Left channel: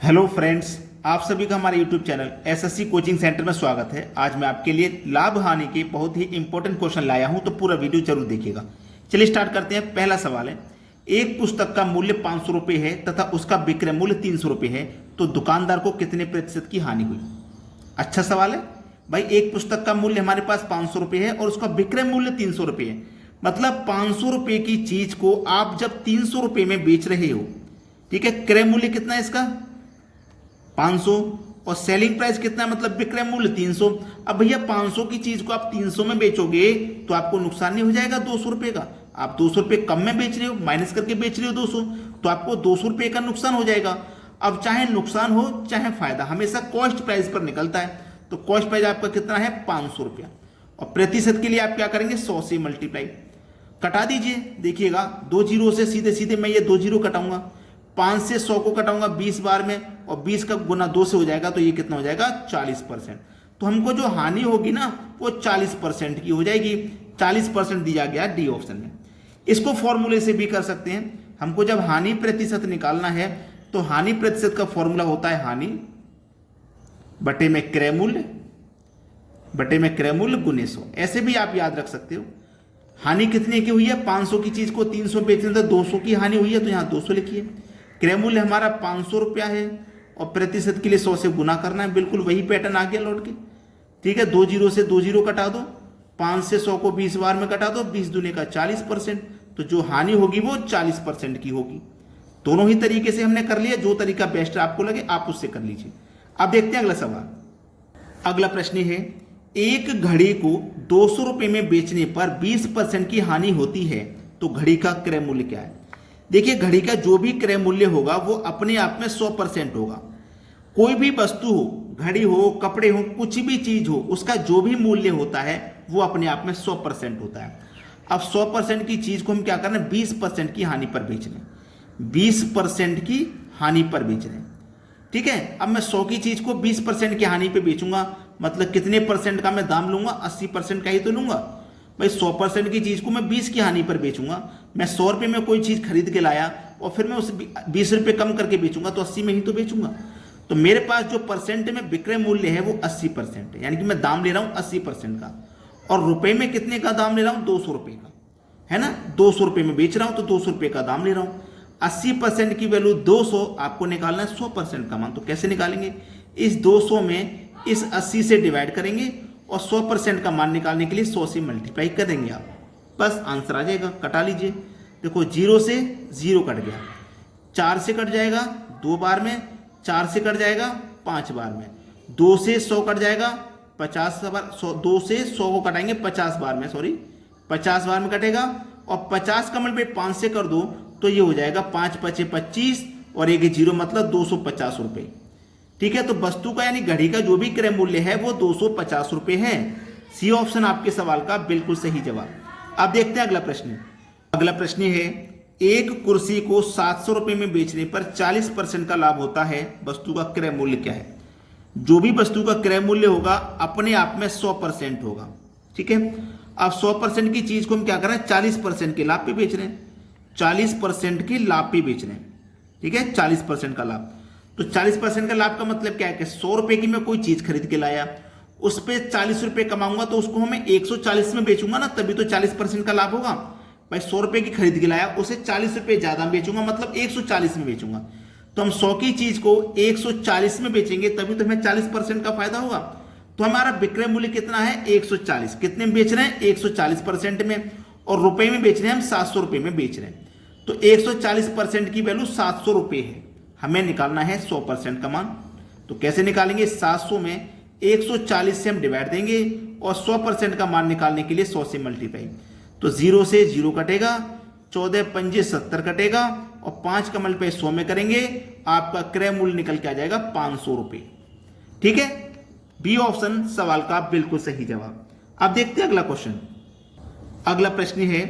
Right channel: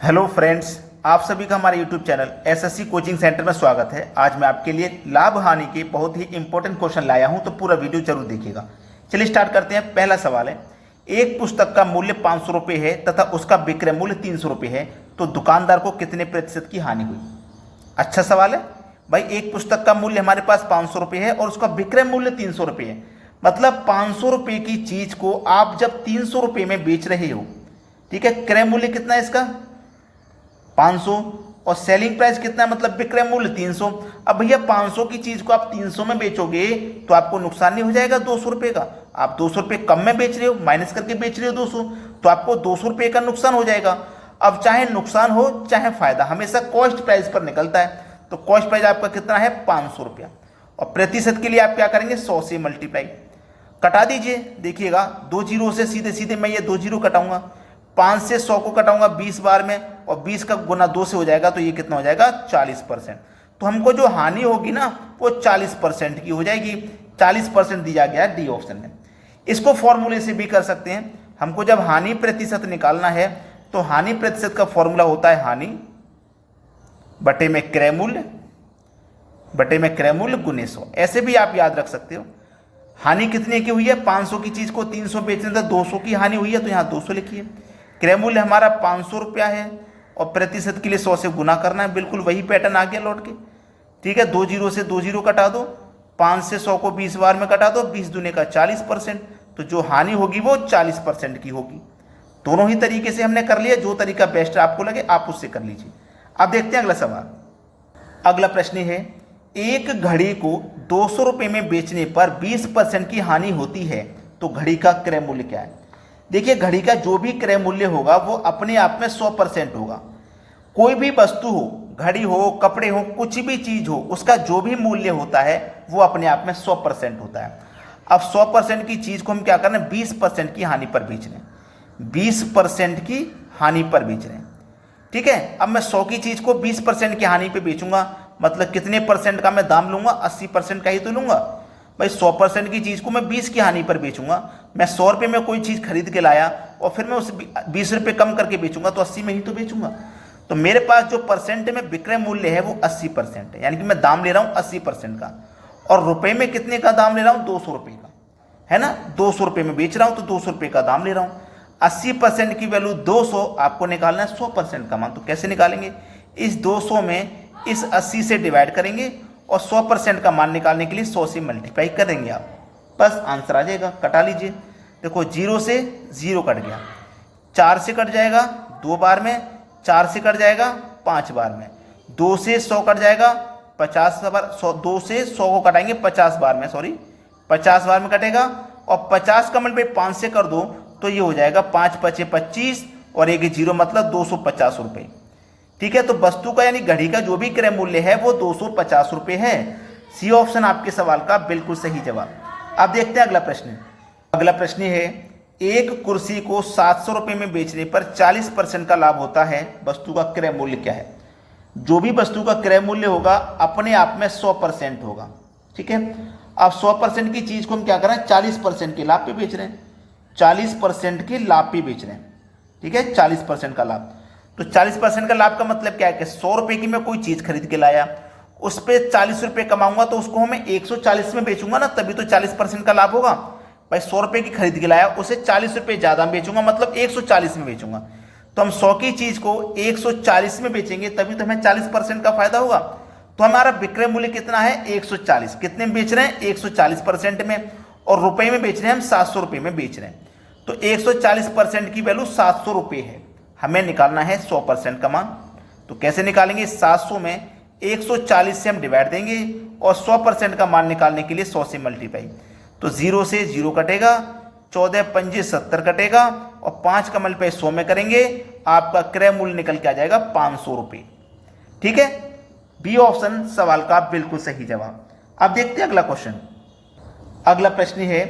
Hello friends, आप सभी का हमारे YouTube channel SSC coaching centre में स्वागत है। आज मैं आपके लिए लाभ हानि के बहुत ही इंपॉर्टेंट क्वेश्चन लाया हूं, तो पूरा वीडियो जरूर देखिएगा। चलिए स्टार्ट करते हैं। पहला सवाल है, एक पुस्तक का मूल्य 500 रुपये है तथा उसका विक्रय मूल्य 300 रुपये है, तो दुकानदार को कितने प्रतिशत की हानि हुई। अच्छा सवाल है भाई। एक पुस्तक का मूल्य हमारे पास 500 रुपये है और उसका विक्रय मूल्य 300 रुपये है, मतलब 500 रुपये की चीज को आप जब 300 रुपये में बेच रहे हो, ठीक है। क्रय मूल्य कितना है इसका 500 और सेलिंग प्राइस कितना है, मतलब विक्रय मूल्य 300। अब भैया 500 की चीज को आप 300 में बेचोगे तो आपको नुकसान नहीं हो जाएगा 200 रुपए का। आप 200 रुपए कम में बेच रहे हो, माइनस करके बेच रहे हो 200, तो आपको 200 रुपए का नुकसान हो जाएगा। अब चाहे नुकसान हो चाहे फायदा, हमेशा कॉस्ट प्राइस पर निकलता है। तो कॉस्ट प्राइस आपका कितना है 500 रुपया, और प्रतिशत के लिए आप क्या करेंगे 100 से मल्टीप्लाई कटा दीजिए। देखिएगा 2 जीरो से सीधे सीधे मैं ये 2 जीरो कटाऊंगा, 5 से 100 को कटाऊंगा 20 बार में, और 20 का गुना 2 से हो जाएगा, तो ये कितना हो जाएगा 40%। तो हमको जो हानि होगी ना वो 40% की हो जाएगी। 40% दिया गया डी ऑप्शन में। इसको फॉर्मूले से भी कर सकते हैं। हमको जब हानि प्रतिशत निकालना है तो हानि प्रतिशत का फॉर्मूला होता है हानि बटे में क्रय मूल्य गुने 100। ऐसे भी आप याद रख सकते हो। हानि कितने की हुई है, 500 की चीज को 300 बेचने था, 200 की हानि हुई है, तो यहां 200 लिखिए। क्रय मूल्य हमारा 500 रुपया है और प्रतिशत के लिए 100 से गुना करना है। बिल्कुल वही पैटर्न आ गया लौट के, ठीक है। 2 जीरो से 2 जीरो कटा दो, 5 से 100 को 20 बार में कटा दो, 20 दूने का 40%। तो जो हानि होगी वो 40% की होगी। दोनों ही तरीके से हमने कर लिया, जो तरीका बेस्ट आपको लगे आप उससे कर लीजिए। अब देखते हैं अगला सवाल। अगला प्रश्न है, एक घड़ी को 200 रुपये में बेचने पर 20% की हानि होती है, तो घड़ी का क्रय मूल्य क्या है। देखिए घड़ी का जो भी क्रय मूल्य होगा वो अपने आप में 100% होगा। कोई भी वस्तु हो, घड़ी हो, कपड़े हो, कुछ भी चीज हो, उसका जो भी मूल्य होता है वो अपने आप में 100% होता है। अब 100% की चीज को हम क्या कर रहे हैं 20% की हानि पर बेच रहे हैं, 20% की हानि पर बेच रहे हैं, ठीक है। अब मैं 100 की चीज को 20% की हानि पे बेचूंगा, मतलब कितने परसेंट का मैं दाम लूंगा, 80% का ही तो लूंगा भाई। 100% की चीज को मैं 20 की हानि पर बेचूंगा। मैं 100 रुपये में कोई चीज खरीद के लाया और फिर मैं उसे 20 रुपये कम करके बेचूंगा, तो 80 में ही तो बेचूंगा। तो मेरे पास जो परसेंट में विक्रय मूल्य है वो 80% है, यानी कि मैं दाम ले रहा हूं 80% का, और रुपए में कितने का दाम ले रहा हूं 200 रुपये का, है ना। 200 रुपये में बेच रहा हूं तो 200 रुपये का दाम ले रहा हूं। 80% की वैल्यू 200, आपको निकालना है 100% का मान। तो कैसे निकालेंगे, इस 200 में इस 80 से डिवाइड करेंगे और 100% का मान निकालने के लिए 100 से मल्टीप्लाई करेंगे आप, बस आंसर आ जाएगा। कटा लीजिए। देखो 0 से 0 कट गया, 4 से कट जाएगा 2 बार में, 4 से कट जाएगा 5 बार में, 2 से 100 कट जाएगा 50 बार, 2 से 100 को कटाएंगे 50 बार में, सॉरी 50 बार में कटेगा, और 50 का मल्टीप्लाई 5 से कर दो तो ये हो जाएगा 5 पचे 25 और एक 0, मतलब 250 रुपये, ठीक है। तो वस्तु का यानी घड़ी का जो भी क्रय मूल्य है वो 250 रुपये है। सी ऑप्शन आपके सवाल का बिल्कुल सही जवाब। अब देखते हैं अगला प्रश्न। अगला प्रश्न है, एक कुर्सी को 700 रुपये में बेचने पर 40% का लाभ होता है, वस्तु का क्रय मूल्य क्या है। जो भी वस्तु का क्रय मूल्य होगा अपने आप में 100% होगा, ठीक है। अब 100% की चीज को हम क्या कर रहे हैं 40% के लाभ पे बेच रहे हैं, 40% के लाभ पे बेच रहे हैं, ठीक है। 40% का लाभ, तो 40% का लाभ का मतलब क्या है कि 100 रुपये की मैं कोई चीज खरीद के लाया, उस पर 40 रुपये कमाऊंगा, तो उसको मैं 140 में बेचूंगा ना, तभी तो 40% का लाभ होगा भाई। 100 रुपये की खरीद के लाया, उसे 40 रुपये ज्यादा बेचूंगा, मतलब 140 में बेचूंगा। तो हम 100 की चीज को 140 में बेचेंगे, तभी तो हमें 40% का फायदा होगा। तो हमारा विक्रय मूल्य कितना है 140, कितने में बेच रहे हैं 140% में, और रुपए में बेच रहे हैं हम 700 रुपये में बेच रहे हैं। तो 140% की वैल्यू 700 रुपये है, हमें निकालना है 100% का मान। तो कैसे निकालेंगे, 700 में 140 से हम डिवाइड देंगे और 100% का मान निकालने के लिए 100 से मल्टीप्लाई। तो 0 से 0 कटेगा, 14 पंजे 70 कटेगा, और 5 का मल्टीप्लाई 100 में करेंगे, आपका क्रय मूल्य निकल के आ जाएगा 500 रुपये, ठीक है। बी ऑप्शन सवाल का बिल्कुल सही जवाब। अब देखते हैं अगला क्वेश्चन। अगला प्रश्न है,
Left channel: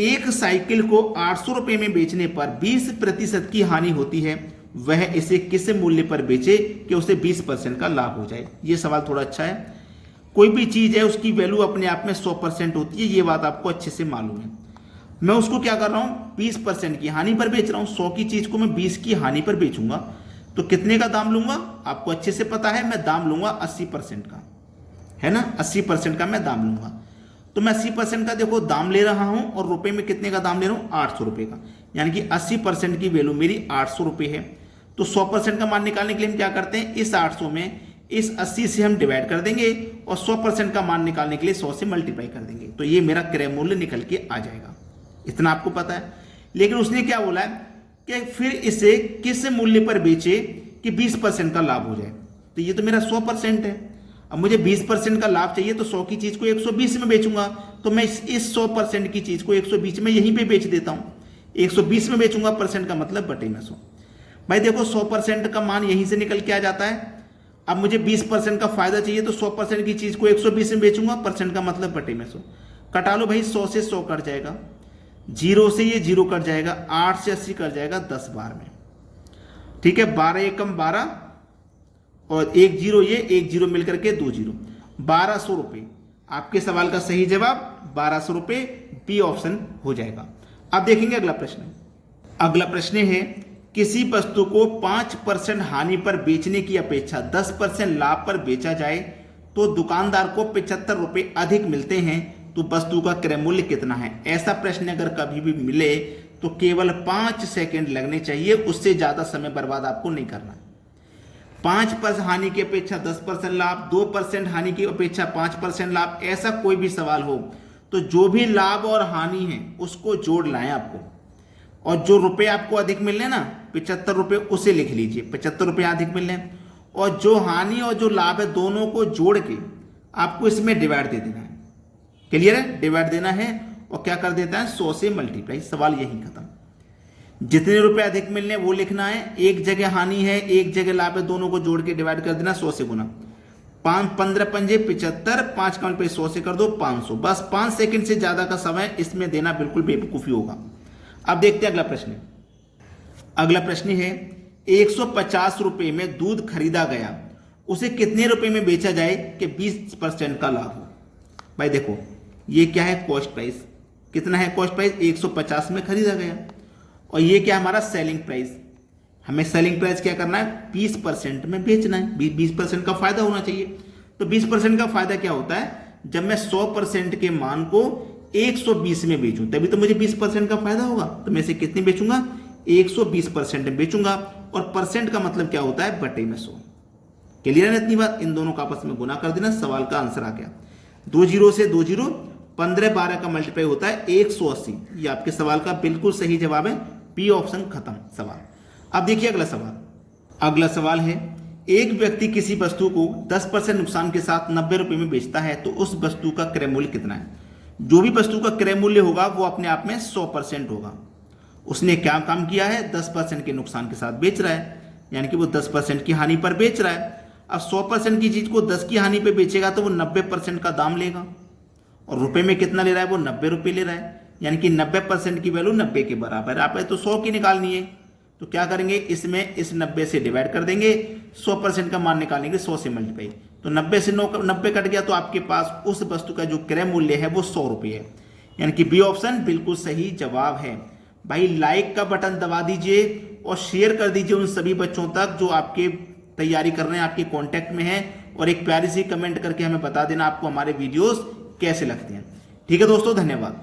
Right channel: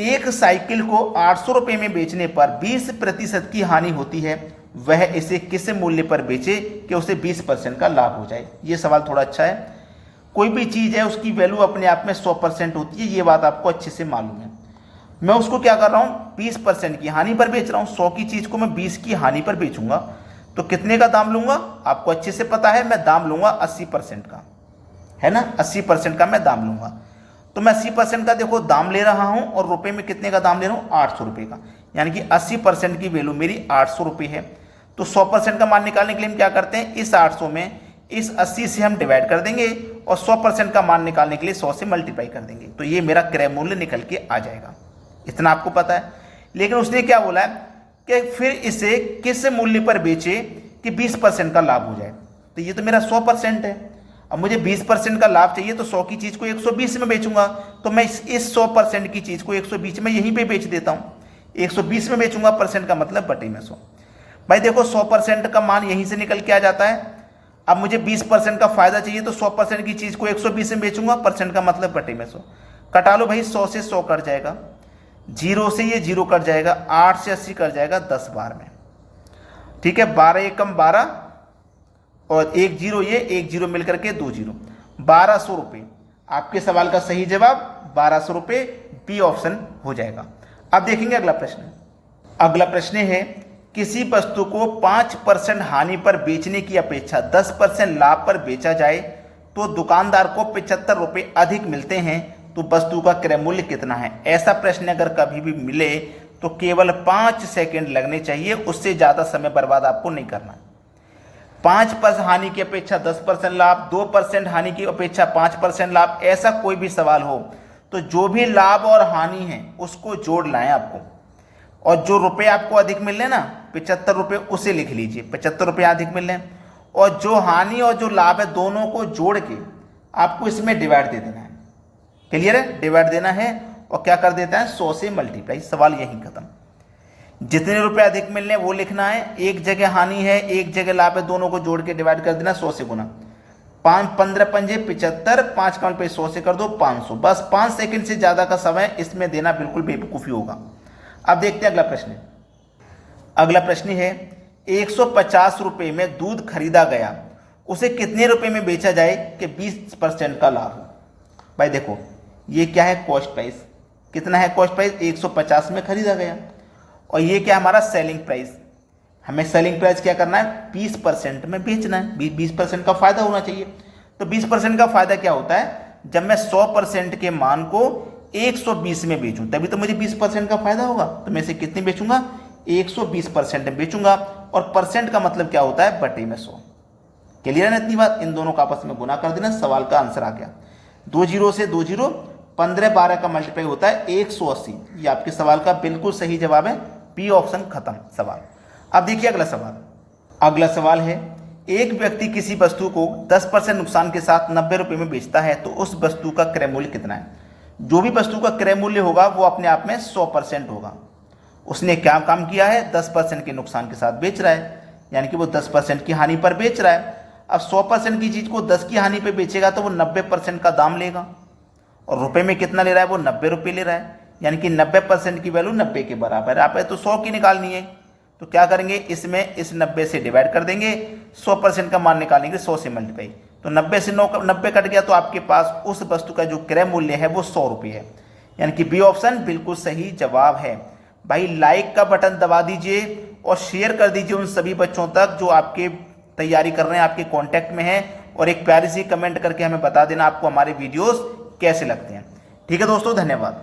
एक साइकिल को 800 रुपये में बेचने पर 20% की हानि होती है, वह इसे किस मूल्य पर बेचे कि उसे 20% का लाभ हो जाए। यह सवाल थोड़ा अच्छा है। कोई भी चीज है उसकी वैल्यू अपने आप में 100% होती है, ये बात आपको अच्छे से मालूम है। मैं उसको क्या कर रहा हूं 20% की हानि पर बेच रहा हूं। 100 की चीज को मैं 20 की हानि पर बेचूंगा, तो कितने का दाम लूंगा, आपको अच्छे से पता है, मैं दाम लूंगा 80% का, है ना, 80% का मैं दाम लूंगा। तो मैं 80% का देखो दाम ले रहा हूं और रुपए में कितने का दाम ले रहा हूं, 800 रुपये का, यानी कि 80% की वैल्यू मेरी 800 रुपये है। तो 100% का मान निकालने के लिए हम क्या करते हैं, इस 800 में इस 80 से हम डिवाइड कर देंगे और 100% का मान निकालने के लिए 100 से मल्टीप्लाई कर देंगे, तो ये मेरा क्रय मूल्य निकल के आ जाएगा। इतना आपको पता है। लेकिन उसने क्या बोला है कि फिर इसे किस मूल्य पर बेचे कि 20% का लाभ हो जाए। तो ये तो मेरा 100% है, अब मुझे 20% का लाभ चाहिए, तो 100 की चीज को 120 में बेचूंगा। तो मैं इस 100% की चीज को 120 में यहीं पे बेच देता हूं, 120 में बेचूंगा, परसेंट का मतलब बटे में 100। भाई देखो 100% का मान यहीं से निकल के आ जाता है। अब मुझे 20% का फायदा चाहिए, तो 100% की चीज को 120 में बेचूंगा, परसेंट का मतलब बटे में 100। कटा लो भाई, 100 से 100 कट जाएगा, 0 से ये 0 कट जाएगा, 8 से 80 कट जाएगा 10 बार में, ठीक है। 12 एकम 12 और 1 0, ये 1 0 मिलकर के 2 0, 1200 रुपये। आपके सवाल का सही जवाब 1200 रुपये, बी ऑप्शन हो जाएगा। अब देखेंगे अगला प्रश्न। अगला प्रश्न है, किसी वस्तु को 5% हानि पर बेचने की अपेक्षा 10% लाभ पर बेचा जाए तो दुकानदार को 75 रुपये अधिक मिलते हैं, तो वस्तु का क्रय मूल्य कितना है। ऐसा प्रश्न अगर कभी भी मिले तो केवल 5 सेकंड लगने चाहिए, उससे ज्यादा समय बर्बाद आपको नहीं करना। 5% हानि की अपेक्षा 10% लाभ, 2% हानि की अपेक्षा 5% लाभ, ऐसा कोई भी सवाल हो तो जो भी लाभ और हानि है उसको जोड़ लाएं आपको, और जो रुपए आपको अधिक मिल रहे ना 75 रुपये, उसे लिख लीजिए, 75 रुपये अधिक मिल रहे हैं, और जो हानि और जो लाभ है दोनों को जोड़ के आपको इसमें डिवाइड दे देना है। क्लियर है, डिवाइड देना है और क्या कर देता है 100 से मल्टीप्लाई, सवाल यही खत्म। जितने रुपए अधिक मिलने वो लिखना है, एक जगह हानि है एक जगह लाभ है, दोनों को जोड़ के डिवाइड कर देना 100 से गुना। 5 15 पंजे 75, 5 का पे 100 से कर दो 500, बस 5 सेकंड से ज्यादा का समय इसमें देना बिल्कुल बेवकूफी होगा। अब देखते हैं अगला प्रश्न। अगला प्रश्न है, 150 रुपये में दूध खरीदा गया, उसे कितने रुपए में बेचा जाए कि 20% का लाभ हो। भाई देखो ये क्या है, कॉस्ट प्राइस, कितना है कॉस्ट प्राइस, 150 में खरीदा गया, और ये क्या हमारा सेलिंग प्राइस, हमें सेलिंग प्राइस क्या करना है 20% में बेचना है, 20% का फायदा होना चाहिए। तो 20% का फायदा क्या होता है, जब मैं 100% के मान को 120 में बेचूं तभी तो मुझे 20% का फायदा होगा। तो मैं इसे कितने बेचूंगा, 120% में बेचूंगा, और परसेंट का मतलब क्या होता है बटे में 100। क्लियर है इतनी बात, इन दोनों का आपस में गुना कर देना, सवाल का आंसर आ गया। 2 0 से 2 0, 15 12 का मल्टीप्लाई होता है 180। ये आपके सवाल का बिल्कुल सही जवाब है, बी ऑप्शन खत्म सवाल। अब देखिए अगला सवाल। अगला सवाल है, एक व्यक्ति किसी वस्तु को 10% नुकसान के साथ 90 रुपये में बेचता है, तो उस वस्तु का क्रय मूल्य कितना है। जो भी वस्तु का क्रय मूल्य होगा वो अपने आप में 100% होगा। उसने क्या काम किया है, 10% के नुकसान के साथ बेच रहा है, यानी कि वो 10% की हानि पर बेच रहा है। अब 100% की चीज को 10 की हानि पे बेचेगा तो वो 90% का दाम लेगा, और रुपए में कितना ले रहा है, वो 90 रुपये ले रहा है, यानी कि 90% की वैल्यू 90 के बराबर है। आप तो 100 की निकालनी है, तो क्या करेंगे, इसमें इस 90 से डिवाइड कर देंगे, 100% का मान निकालेंगे 100 से मल्टीप्लाई, तो 90 से 90 कट गया, तो आपके पास उस वस्तु का जो क्रय मूल्य है वो 100 रुपये है, यानी कि बी ऑप्शन बिल्कुल सही जवाब है। भाई लाइक का बटन दबा दीजिए और शेयर कर दीजिए उन सभी बच्चों तक जो आपके तैयारी कर रहे हैं, आपके कांटेक्ट में हैं, और एक प्यारी सी कमेंट करके हमें बता देना आपको हमारे वीडियोस कैसे लगते हैं। ठीक है दोस्तों, धन्यवाद।